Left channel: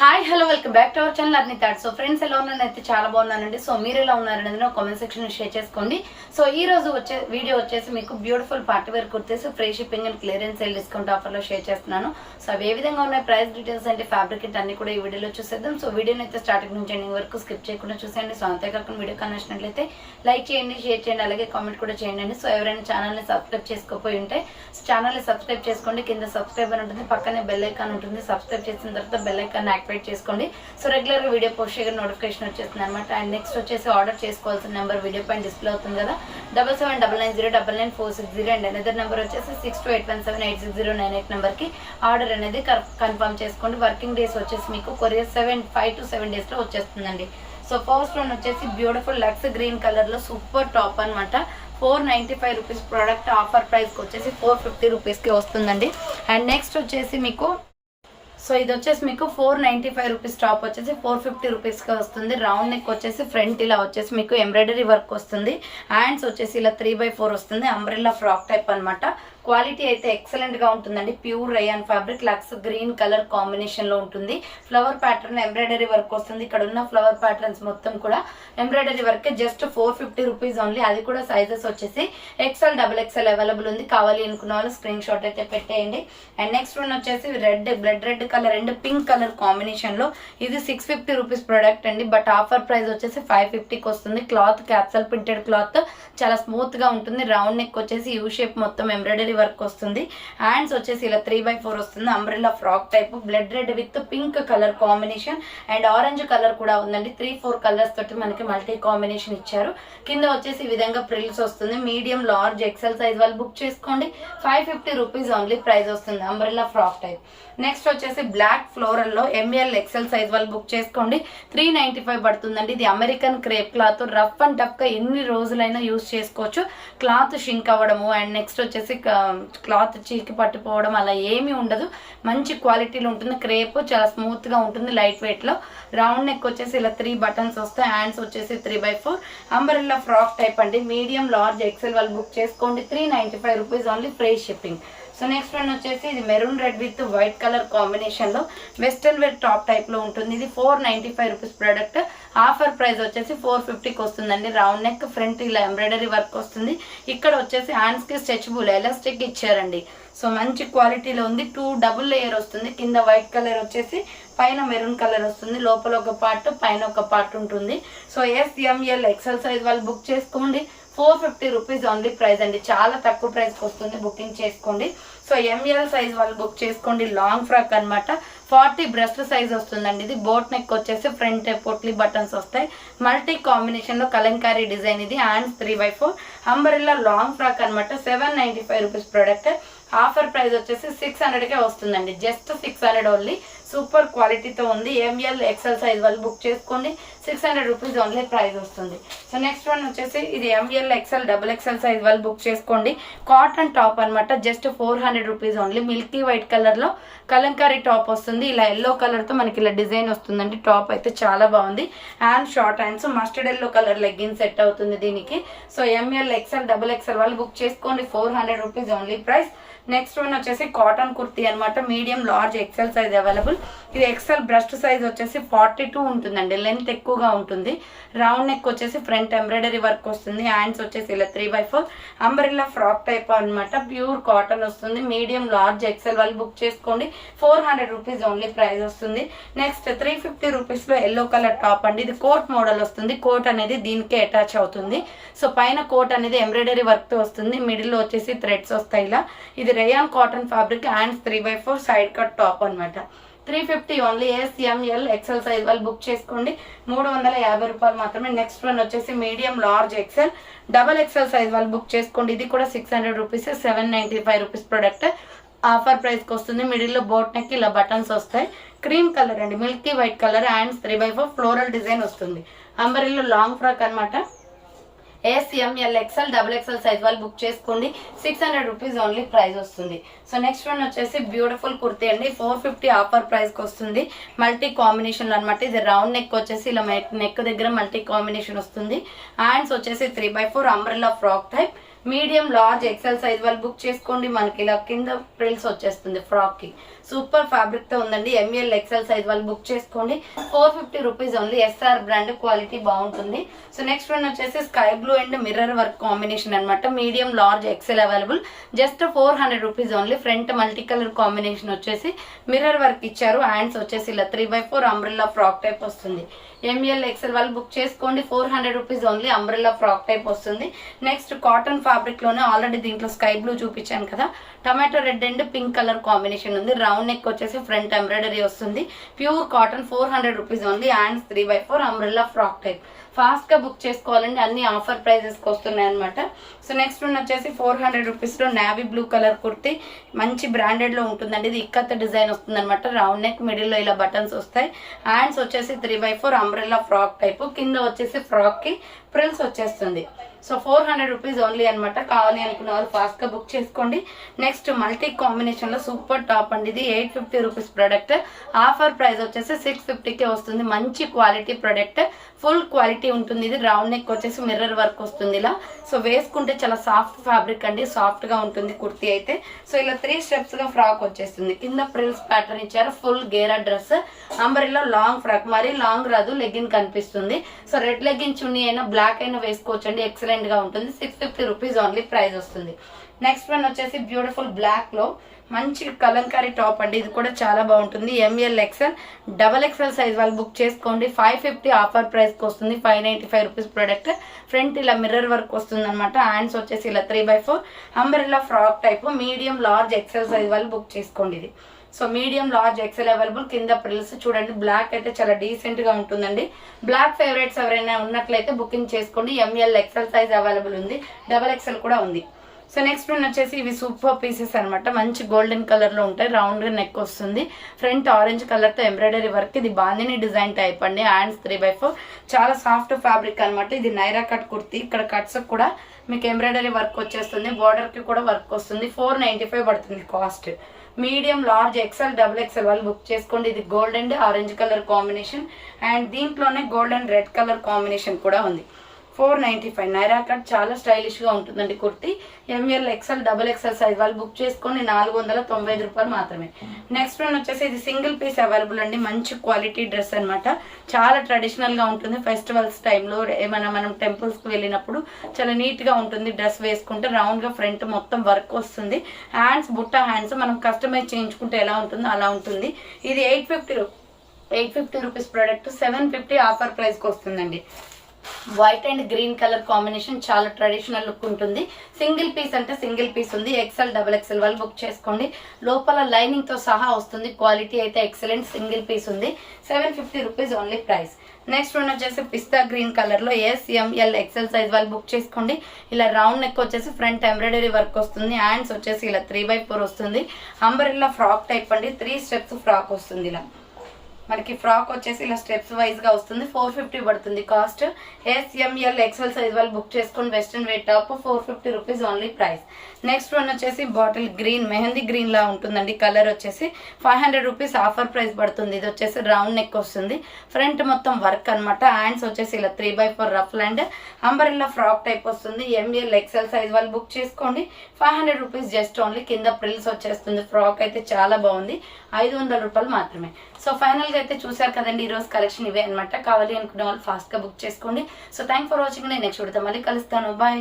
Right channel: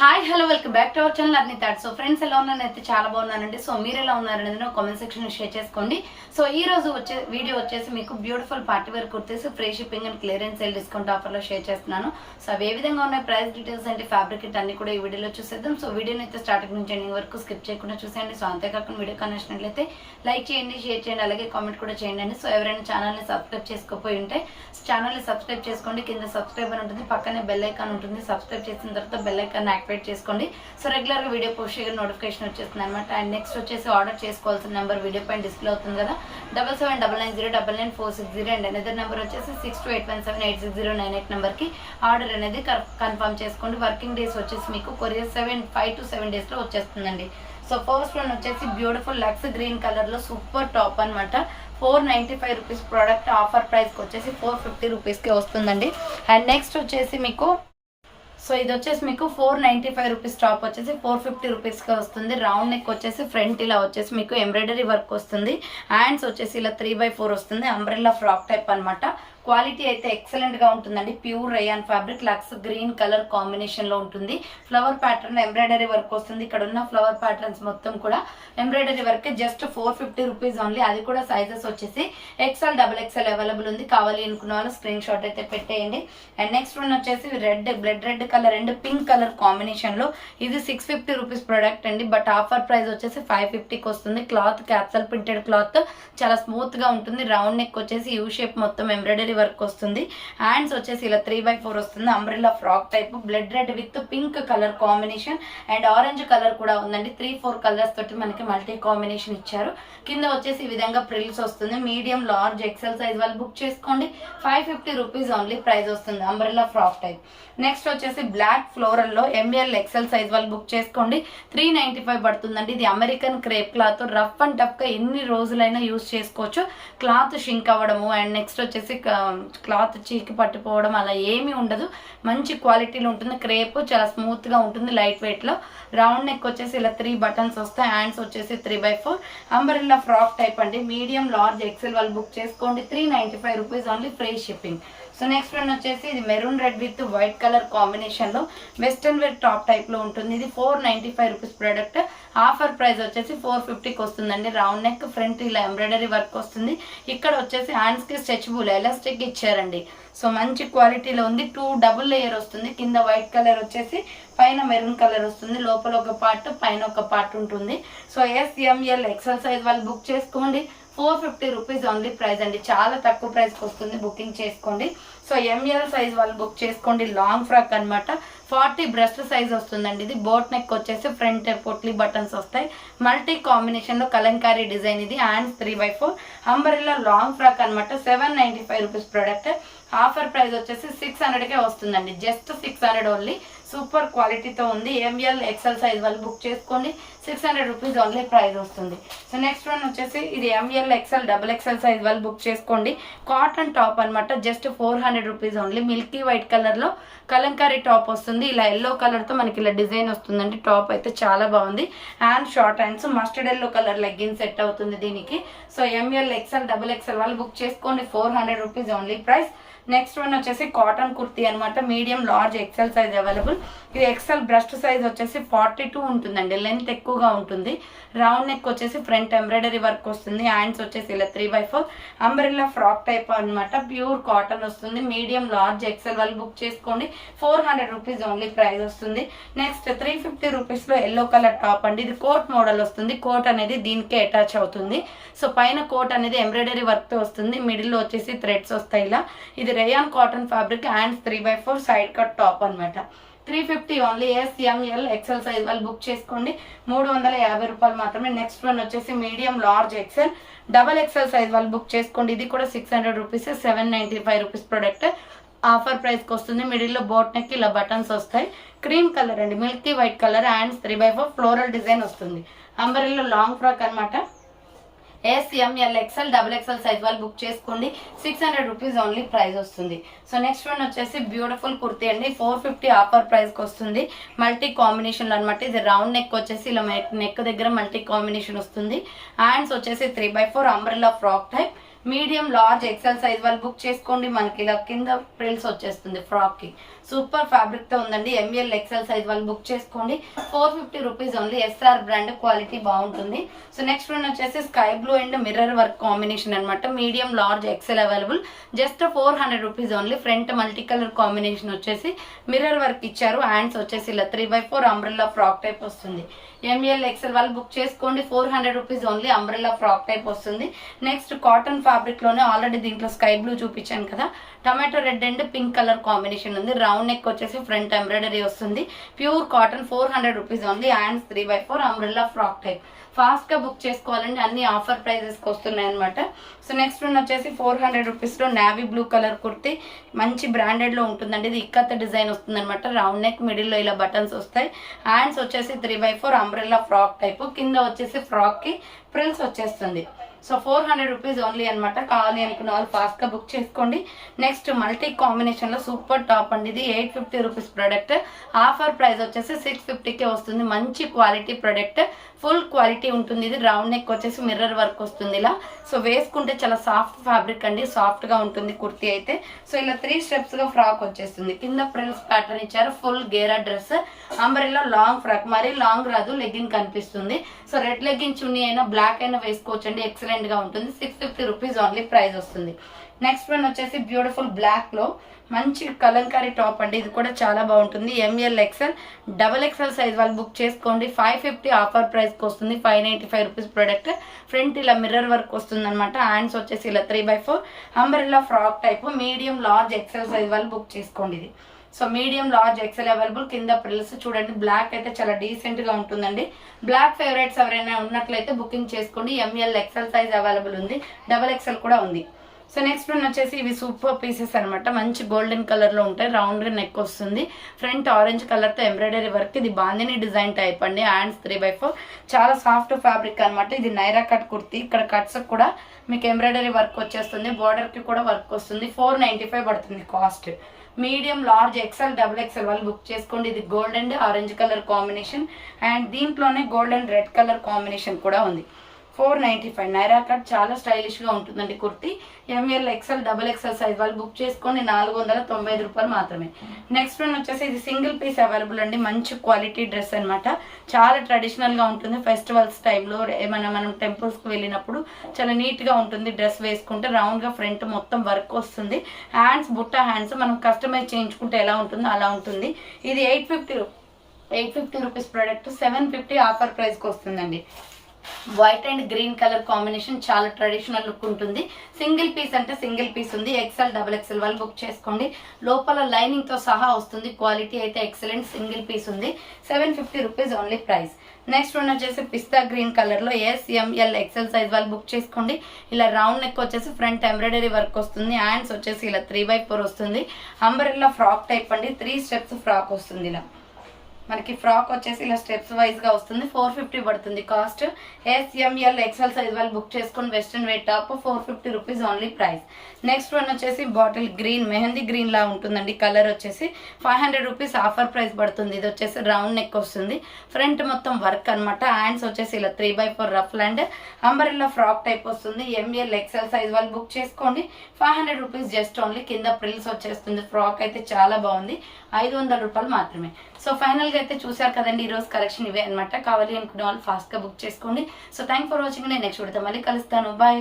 Hi hello welcome back to our channel అర్ని thought. So friends ఎలా ఉన్నారని అయితే చాలా బాగున్నానండి. సో మీరు ఎలా ఉన్నారనేది నా కామెంట్ సెక్షన్ షేర్ చేసుకోండి. సో ఈ రోజు వచ్చే వీడియో వచ్చేసి మీకు beautiful party wear kurtis free shipping and clearance sale discount ఆఫర్లో షేర్ చేస్తున్నాను. సో అవి ఏ విధంగా ఉన్నాయి, ప్రైస్ డీటెయిల్స్ అంటే ఫ్యాబ్రిక్ అన్ని కూడా ఈ వీడియోలో చూసేద్దాం. సో వీడియోని అయితే స్టార్టింగ్ నుంచి ఎండింగ్ వరకు స్కిప్ చేయకుండా చూసేయండి. సో అంతేకాకుండా వీడియో నచ్చినట్లయితే లైక్ చేయండి, షేర్ చేయండి, అలాగే కామెంట్ కూడా చేయండి. సో ఎవరైనా ఛానల్ని సబ్స్క్రైబ్ చేసుకోపోయి ఉంటే ఛానల్ని సబ్స్క్రైబ్ చేసుకోండి. కింద సబ్స్క్రైబ్ అని ఉంటుంది, పక్కనే బెల్ ఐకాన్ ఉంటుంది. సబ్స్క్రైబ్ చేసిన తర్వాత బెల్ ఐకాన్ యాక్టివేట్ చేసుకోండి. సో రెగ్యులర్ గా వీడియో పోస్ట్ చేయగా నోటిఫికేషన్ వచ్చేస్తుంది అనమాట. అండ్ నెక్స్ట్ వచ్చేసి ఆర్డర్ చేసుకోవాల్సిన నెంబర్ వీడియో పైన డిస్ప్లే అవుతుంది కదా, 7799099460. అండ్ అనదర్ నెంబర్ వచ్చేసి 6281786098 నెంబర్ కి ఆర్డర్ అనేది కన్ఫర్మ్ చేసుకోండి. వర్కింగ్ డేస్ వచ్చేసి మీకు కొరియర్ 5 to 7 days లో వచ్చేస్తుందండి. సో ఫస్ట్ వన్ వచ్చేసి బ్యూటిఫుల్ లక్స్ గ్రీన్ కలర్ లో సూపర్ టాప్ అనమాట. 495 రూపీస్ ప్రోడక్ట్. ఆఫర్ ప్రైస్ వచ్చేసి 450 రూపీస్కి వస్తుందండి. అండ్ నెక్స్ట్ వచ్చేసి మీకు సో ఇది వచ్చేసి మీకు 495 రూపీస్ టాప్ వచ్చేసి 450 రూపీస్కి వస్తుంది. రౌండ్ నెక్ వచ్చేసి ఫ్రంట్ ఇలా వచ్చేసి మీకు ఎంబ్రాయిడరీ వర్క్ వస్తుంది. హ్యాండ్స్ వచ్చేసి ఇలా 3/4 వస్తుంది. అంబ్రెల్లా ఫ్రాక్ టైప్ అనమాట. క్వాలిటీ అయితే ఎక్సలెంట్ గా ఉంటుందండి. ప్యూర్ రయాన్ ఫ్యాబ్రిక్, లక్స్ గ్రీన్ కలర్ కాంబినేషన్ లో ఉంటుంది. ఫ్లవర్ ప్యాటర్న్ ఎంబ్రాయిడరీ వర్క్ వస్తుంది. ఇక్కడ ఉన్న ఫ్లవర్ ప్యాటర్న్స్ మొత్తం కూడా embroidery work. Just 450 rupees only. అది కూడా సైజెస్ వచ్చేసి XL, XXL అవైలబుల్ ఉంది. కావాలి అనుకున్న వాళ్ళు స్క్రీన్ షాట్ అయితే పెట్టేయండి. అండ్ నెక్స్ట్ వన్ వచ్చేసి blood red colour and pink colour combination లో ఇది 650 రూపీస్ ప్రోడక్ట్ అండి. బట్ ఆఫర్ ప్రైస్ వచ్చేసి 550కి వస్తుంది. క్లాత్ క్యాప్సల్ ప్రింటెడ్ క్లాత్, చాలా స్మూత్ గా ఉంటుంది. రౌండ్ నెక్ వచ్చేసి యూ షేప్ మొత్తం ఎంబ్రాయిడరీ వర్క్ వస్తుంది. హ్యాండ్స్ వచ్చేసి ఇలా 3/4 వస్తుంది. Umbrella frock type, blood red with pink colour combination and orange colour కూడా ఉందండి. 3-4 కలర్స్ తోటి మనకి మల్టీ కాంబినేషన్ ఇచ్చారు. కింద వచ్చేసి ఈ విధంగా ప్రిల్స్ వస్తుంది. మీడియం, లార్జ్, XL సైజ్ వాళ్ళు బుక్ చేసుకోండి. 550 రూపీస్ ఓన్లీ ప్రైస్ వస్తుంది. Umbrella frock type. నెక్స్ట్ వచ్చేసి బ్లాక్ ఫ్లోరల్ లో ML, XL సైజ్ వాళ్ళు బుక్ చేసుకోండి. 395 పడుతుందండి. ఇది American crepe cloth. Rough and tough గా ఎన్ని రోజులైనా యూజ్ చేసుకోవచ్చు. క్లాత్ షింక్ అవ్వడము అండ్ నెక్స్ట్ వచ్చేసి క్లాత్ చీకి పట్టిపోవడం అలా ఏమీ ఉండదు. మంచి క్వాలిటీలో ఉంటుంది. క్రేప్ చాలా స్మూత్ గా ఉంటుంది, లైట్ వెయిట్ లో. రౌండ్ నెక్ వచ్చేసి ఇలా 3 బటన్స్ వస్తాయి. హ్యాండ్స్ వచ్చేసి 3/4. అంబ్రెల్లా ఫ్రాక్ టైప్ అండి. మీడియం, లార్జ్, XL వాళ్ళు బుక్ చేసుకోండి. 395 rupees only, free shipping. So next one వచ్చేసి ఇది maroon red with white colour combination లో వెస్టర్న్ వేర్ టాప్ టైప్ లో ఉంటుంది. ఇది 495 రూపీస్ ప్రోడక్ట్. ఆఫర్ ప్రైస్ వచ్చేసి 450కి వస్తుందండి. రౌండ్ నెక్, ఫ్రంట్ ఇలా ఎంబ్రాయిడరీ వర్క్ వస్తుంది. ఇక్కడ వచ్చేసి హ్యాండ్స్ కి స్ట్రెచబుల్ ఎలాస్టిక్ ఇచ్చారండి. సో మంచి క్వాలిటీలో ఉంది. 2 డబుల్ లేయర్ వస్తుంది. కింద వైట్ కలర్ వచ్చేసి పైన మెరూన్ కలర్ వస్తుంది. లోపల ఒక పార్ట్, పైన ఒక పార్ట్ ఉంటుంది. సో SML, XL సైజ్ వాళ్ళు బుక్ చేసుకోండి. 450 రూపీస్ ఓన్లీ ప్రైస్ అండి. చాలా తక్కువ ప్రైస్కి వస్తుంది. బుకింగ్ చేసుకోండి. సో ML సైజ్ వాళ్ళు బుక్ చేసుకోండి. లాంగ్ ఫ్రాక్ అనమాట. 40 బ్రెస్ట్ సైజ్ వస్తుందండి. ఇది బోట్ నెక్ వచ్చేసి ఫ్రంట్ పొట్లీ బటన్స్ వస్తాయి. మల్టీ కాంబినేషన్ లో కలంకారీ డిజైన్. ఇది హ్యాండ్స్ 3/4. అంబరెల్లా లాంగ్ ఫ్రాక్ అనమాట. 795 రూపీస్ ప్రోడక్ట్. ఆఫర్ ప్రైస్ వచ్చేసి 600కే వస్తుందండి. Just 600 only. సూపర్ క్వాలిటీతో ఉంది. ML, XL సైజ్ వాళ్ళు బుక్ చేసుకోండి. 600 రూపీస్ ఓన్లీ ప్రైస్ వస్తుంది. సో నెక్స్ట్ వన్ వచ్చేసి ఇది ML, XL, XXL సైజ్ వాళ్ళు బుక్ చేసుకోండి. కాటన్ టాప్ అనమాట. Just 400 rupees only. Milky white colour లో కలంకారీ టాప్ వస్తుంది. ఇలా ఎల్లో కలర్ తో మనకి ఇలా డిజైన్ వస్తుందండి. టాప్ అయితే చాలా బాగుంది. Hand short hands, mustard yellow colour legging set అవుతుంది దీనికి. సో ML, XL, XXL వాళ్ళు బుక్ చేసుకోండి. 400 rupees only price. Next one వచ్చేసి కాటన్ కుర్తీ అనమాట. Medium, large, XL size available. ఇది XL బ్రెస్ట్ సైజ్ వచ్చేసి 42 ఉంటుందండి. లెంత్ ఎక్కువగా ఉంటుంది. రౌండ్ నెక్ వచ్చేసి ఫ్రంట్ ఎంబ్రాయిడరీ వర్క్ వస్తుంది. హ్యాండ్స్ వచ్చేసి ఇలా 3/4. అంబ్రెల్లా ఫ్రాక్ టైప్ అనమాట. ప్యూర్ కాటన్ వస్తుంది. మీడియం, లార్జ్, XL వాళ్ళు బుక్ చేసుకోండి. 400 రూపీస్ ఓన్లీ ప్రైస్ వస్తుంది. నెక్స్ట్ 350 రూపీస్ లో ఎల్లో కలర్ టాప్ అండి. ఇది కోట్ మోడల్ వస్తుంది. కోట్ అనేది దీనికే అటాచ్ అవుతుంది. సో పైన కోట్ అనేది ఎంబ్రాయిడరీ వర్క్ తో వస్తుంది. మిడిల్ లో వచ్చేసి థ్రెడ్స్ వస్తాయి ఇలా. ఇది rayon cotton fabric. Hands 3/4. Side cut top అనమాట. 350 ఓన్లీ. SML, XL సైజ్ వాళ్ళు బుక్ చేసుకోండి. 350 రూపాయలు మాత్రమే. నెక్స్ట్ వన్ వచ్చేసి medium, large, XL, XXL size వాళ్ళు బుక్ చేసుకోండి. ఇది కూడా 600 రూపీస్. 795 rupees product. ఆఫర్ ప్రైస్కి వస్తుంది. మిడిల్లో బోట్ నెక్ ఇలా బటన్స్ వస్తాయి. క్రీమ్ కలర్ అండి, Milky white colour. Hands 3/4. Floral design వస్తుంది. అంబరెల్లా లాంగ్ ఫ్రాక్ అనమాట. SML, XL, XXL సైజ్ వాళ్ళు బుక్ చేసుకోండి. 600 రూపీస్ ఓన్లీ ప్రైస్ వస్తుంది. సో నెక్స్ట్ వన్ వచ్చేసి బ్యూటిఫుల్ కుర్తీ అండి. 450 ఆఫర్ ప్రైస్కి వస్తుంది. మల్టీ కాంబినేషన్లో అనమాట. ఇది రౌండ్ నెక్ వచ్చేసి ఇలా నెక్ దగ్గర మల్టీ కాంబినేషన్ వస్తుంది. హ్యాండ్స్ వచ్చేసి 3/4. Umbrella frock type. Medium, large, XL size వాళ్ళు బుక్ చేసుకోండి. మనకి ఇలా కింద ప్రిల్స్ వచ్చేస్తుంది ఫ్రాక్ కి. సూపర్ ఫ్యాబ్రిక్ తో ఉందండి. ఎంఎల్ ఎక్సెల్ సైజ్ వాళ్ళు బుక్ చేసుకోండి. 450 rupees only. SR brand, quality బాగుంటుంది. సో నెక్స్ట్ వన్ వచ్చేసి sky blue and mirror work combination అనమాట. Medium, large, XL available. Just 400 rupees only. Front multi colour combination వచ్చేసి mirror work ఇచ్చారు. Hands వచ్చేసి ఇలా 3x4 umbrella frock type వస్తుంది. M L XL వాళ్ళు book చేసుకోండి. 400 rupees only. Umbrella frock type వస్తుంది. Next cotton fabric లోనే ఆల్రెడీ దీంట్లో స్కై బ్లూ చూపించాను కదా, tomato red and pink colour combination ఉంది. రౌండ్ నెక్ వచ్చేసి ఫ్రంట్ ఎంబ్రాయిడరీ వస్తుంది. Pure cotton, 400 rupees only. Hands 3x4 umbrella frock type. Fast గా book చేసుకోవాలండి, అన్ని ఆఫర్ ప్రైజెస్ కి వస్తున్నాయి అనమాట. సో నెక్స్ట్ వన్ వచ్చేసి 400 రూపీస్ లో నావీ బ్లూ కలర్ కుర్తి, మంచి బ్రాండెడ్ లో ఉంటుందండి. ఇది ఇక్కత్ డిజైన్ వస్తుంది అనమాట. రౌండ్ నెక్, మిడిల్ లో ఇలా బటన్స్ వస్తాయి. హ్యాండ్స్ వచ్చేసి 3x4 అంబ్రెల్లా ఫ్రాక్ టైప్. కింద వచ్చేసి ఫ్రాక్ కి ఫ్రిల్స్ వచ్చేస్తుంది. సో 400 రూపీస్ ఓన్లీ అనమాట. కావాలి అనుకున్న వాళ్ళు ఫాస్ట్ గా బుక్ చేసుకోండి. నెక్స్ట్ మల్టీ కాంబినేషన్ లో సూపర్ టాప్ అండి. ఇది 850 రూపీస్ ప్రొడక్ట్. ఆఫర్ ప్రైస్ వచ్చేసి 650కే వస్తుంది. మంచి క్వాలిటీ ప్రొడక్ట్, ఫుల్ క్వాలిటీ ఉంటుంది. ఇది రౌండ్ నెక్ వచ్చేసి మిర్రర్ వర్క్ వస్తుంది ఇలా. సో వేసుకుంటే చాలా సాఫ్ట్ ఫ్యాబ్రిక్ అండి, సాఫ్ట్ గా ఉంటుంది కుర్తీ అయితే. సో ఇలా 3 స్టెప్స్ గా ఫ్రాక్ వచ్చేస్తుంది. కింద ఫ్రిల్స్ ప్యాటర్న్ ఇచ్చారు. ఫుల్ గేరా డ్రెస్, అంబ్రెల్లా లాంగ్ ఫ్రాక్. మరీ లాంగ్ రాదు, లెగ్గిన్ కనిపిస్తుంది. సో రెడ్ లెగ్గిన్ చున్నీ అయినా బ్లాక్ అయినా వేసుకోవచ్చండి. ఎక్సలెంట్ గా ఉంటుంది. 650 రూపీస్ ఓన్లీ ప్రైస్ వస్తుంది. నెక్స్ట్ వన్ వచ్చేసి బ్యూటిఫుల్ బ్లాక్ లో మంచి కలంకారీ టాప్ అండి. ఇది కూడా చాలా బాగుంటుంది. M L XL, double XL size వాళ్ళు బుక్ చేసుకోండి. 550 ఆఫర్ ప్రైస్ కి వస్తుంది. 595 రూపీస్ ప్రొడక్ట్. ఫ్రంట్ ఇలా మిర్రర్ వర్క్ వస్తుంది అనమాట. హ్యాండ్స్ వచ్చేసి ఇలా 3x4 umbrella frock type. Medium, large, XL size వాళ్ళు బుక్ చేసుకోండి. ఇది so medium, large, XL available. కింద ప్రిల్స్ చూడండి. బ్లాక్ అయితే చాలా డీసెంట్ గా ఉంటుందండి. బ్లాక్ ఫేవరెట్స్ ఎవరైనా ఉన్నట్లయితే బుకింగ్ చేసుకోండి. ఎంఎల్ ఎక్సెల్ సైజ్ అవైలబుల్ ఉంది. డబల్ ఎక్సెల్ కూడా ఉంది. సో నెక్స్ట్ వన్ వచ్చేసి ఇవి సూపర్ పీసెస్ అనమాట. మంచి గోల్డెన్ కలర్ లో ఉంటాయి. రౌండ్ గా నెక్ వస్తుంది. ఫ్రంట్ ఆరెంజ్ కలర్ తో ఎంబ్రాయిడరీ వర్క్. ఇది బాందిని డిజైన్ టైప్ అండి. Hands 3x4. చాలా సాఫ్ట్ ఫ్యాబ్రిక్ అనమాట. ఇది నైరా కట్ కుర్తి. ఇక్కడ కట్స్ కూడా మీకు ఎంబ్రాయిడరీ వర్క్ వచ్చేస్తుంది. బార్డర్ కి కూడా వర్క్ వస్తుంది. 495 పడుతుంది cost. Medium, large, XL, double XL వాళ్ళు బుక్ చేసుకోండి. ఇది gold and orange colour combination. And దీంట్లోనే gold and red colour combination కూడా ఉంది. 495. నైరా కట్ చాలా స్టైలిష్ గా ఉంటుందండి kurti. M L XL, double XL size వాళ్ళు బుక్ చేసుకోండి. 495 రూపాయలు మాత్రమే. నెక్స్ట్ వన్ వచ్చేసి ఇది సింగిల్ పీస్ అవైలబుల్ అండి. మంచి క్వాలిటీ డ్రెస్ అనమాట. చాలా ట్రెడిషనల్ గా ఉంటుంది. ఫెస్టివల్స్ టైంలో ఏమైనా మనం టెంపుల్స్ కి వెళ్ళినప్పుడు చాలా నీట్ గా ఉంటుంది. డ్రెస్ వేసుకుంటే రౌండ్ గా ఫ్రంట్ మొత్తం వర్క్ వస్తుంది. హ్యాండ్స్ బుట్ట హ్యాండ్స్ మనం కస్టమైజ్ చేయించుకుంటే ఎలా ఉంటుందో అలా ఉంటుంది. ఇది 850 రూపీస్ ప్రొడక్ట్. 750 ఆఫర్ ప్రైస్ కి వస్తుందండి. White and green colour combination, చాలా ట్రెడిషనల్ లుక్ ఉంటుంది. సింగిల్ పీస్ అంటే సింగిల్ పీస్ ఉంది. ఎక్సెల్, డబుల్ ఎక్సెల్ వాళ్ళు బుక్ చేసుకోండి. లోపల లైనింగ్ తో సహా వస్తుంది. క్వాలిటీ అయితే ఎక్సలెంట్. సింగిల్ పీస్ ఉంది. 750 rupees only price. Next one వచ్చేసి పిస్తా గ్రీన్ కలర్ లో ఎంఎల్ ఎక్సెల్ సైజ్ వాళ్ళు బుక్ చేసుకోండి. ఇలా రౌండ్ నెక్ వచ్చేసి ఫ్రంట్ ఎంబ్రాయిడరీ వర్క్ వస్తుంది. హ్యాండ్స్ వచ్చేసి ఇలా 3x4 వస్తుంది. అంబ్రెల్లా ఫ్రాక్ టైప్ అండి. 3 స్టెప్స్ ఫ్రాక్ వస్తుంది. ఇలా మనకి ఫ్రాక్ వచ్చేసి ఇలా స్టెప్స్ వైజ్ గా వస్తుంది. 450 పడుతుంది కాస్ట్. ఎంఎల్ ఎక్సెల్ సైజ్ వాళ్ళు బుక్ చేసుకుని western wear top 450 rupees only price. Next one వచ్చేసి బాటిల్ గ్రీన్, మెహందీ గ్రీన్ లా ఉంటుందండి. కలర్ వచ్చేసి 500 రూపీస్ ఆఫర్ ప్రైస్ పడుతుంది. ఇది వచ్చేసి రౌండ్ నెక్ వస్తుంది. ఫ్రంట్ మొత్తం వర్క్ అనమాట. హ్యాండ్స్ వచ్చేసి ఇలా 3x4 rough and umbrella frock type వస్తుంది. ఎంఎల్ ఎక్సెల్ సైజ్ వాళ్ళు బుక్ చేసుకోండి. 500 రూపీస్ జస్ట్ ఓన్లీ. కింద ప్రిల్స్ వచ్చేస్తుంది. ఫ్రాక్ అయితే చాలా బాగుంది. 500 రూపాయలు మాత్రమే. సో ఫైనల్ గా అయితే చూసారు కదండి. ఈ రోజు కలెక్షన్ ఇవే అనమాట. కావాలి అనుకునే వాళ్ళు ఫాస్ట్ గా బుక్ చేసుకోండి. So thank for watching. నేను నెక్స్ట్ వీడియోతో మళ్ళీ కలుస్తాను. బాయ్.